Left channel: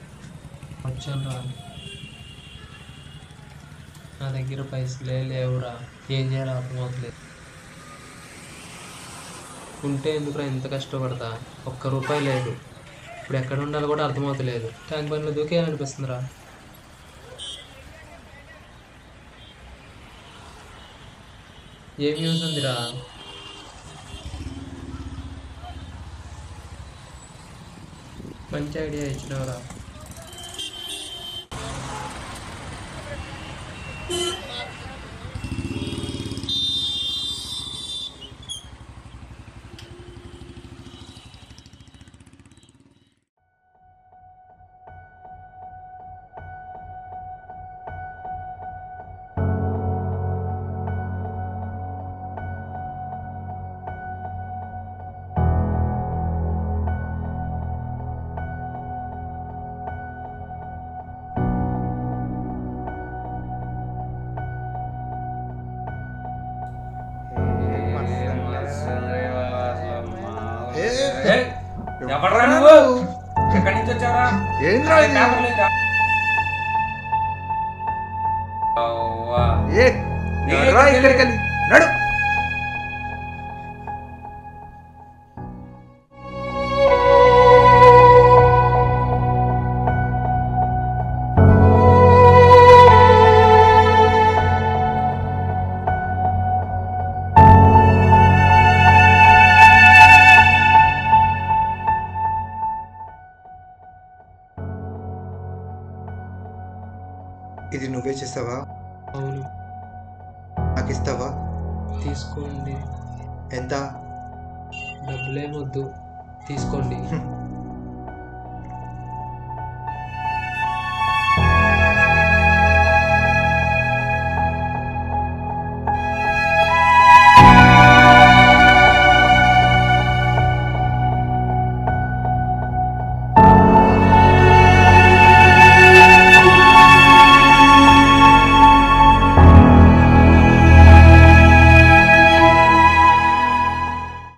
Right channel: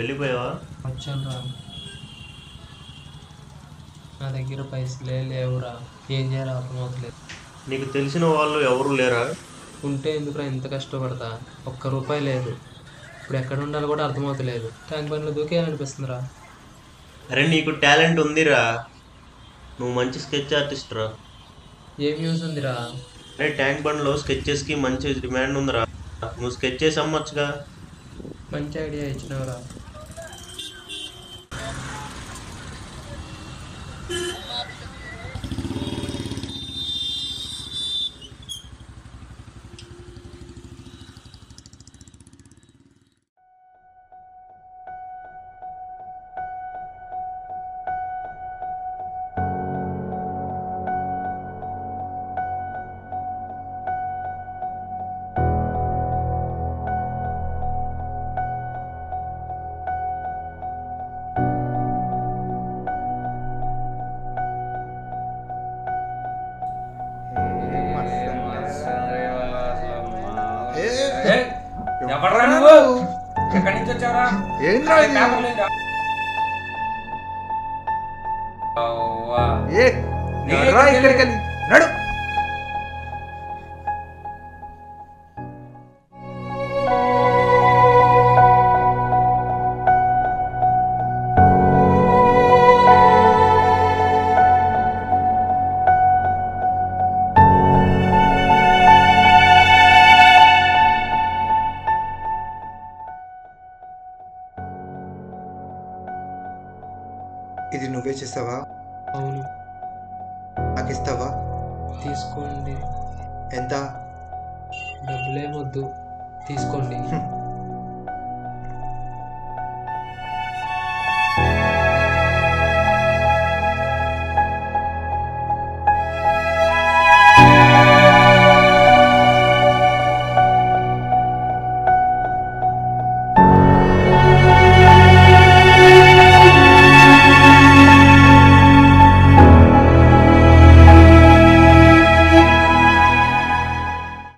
వెళ్ళిపోయావా? వచ్చాను రా. నా దగ్గర పైసలే లేవురా. ఏం చేయాలో అర్థమవుతలేదు. నీకు తెలిసిన వాళ్ళు ఎవరు లేరా? ఉంటే ఎందుకురా ఇంత కష్టపడతా? ఒక్క రూపాయి లేదు. ఇప్పుడు ఎక్కడ ఉండాలో కూడా అర్థమవుతలేదు. ట్యాంక్ బండ్లో దూకేయాలనిపిస్తుందిరా. అరే నీకు టాలెంట్ ఉందిరా, నువ్వు మంచి స్కెచ్ ఆర్టిస్ట్ రా. ఏం యూస్ ఉందిరా? అరే ట్యాంక్ బండ్లో స్కెచెస్కి మంచి డిమాండ్ ఉందిరా, నువ్వు స్కెచ్ చేసి అమ్మొచ్చుగా. మంచి ఐడియా ఇచ్చినవరా. ఎవడ్రా నువ్వు? ఎక్కడి నుంచి వచ్చావురా? ఏంద్రా ఇది? పేపర్ లేదా? అవ్వా. ఏ రా ఇక్కడికి వెళ్ళి నడు. ఇది నువ్వే చేస్తావా? అవును. నాకు ఇస్తావా? తీసుకోండి. ఎంత? డబ్బులేమొద్దు, తీసుకోండి.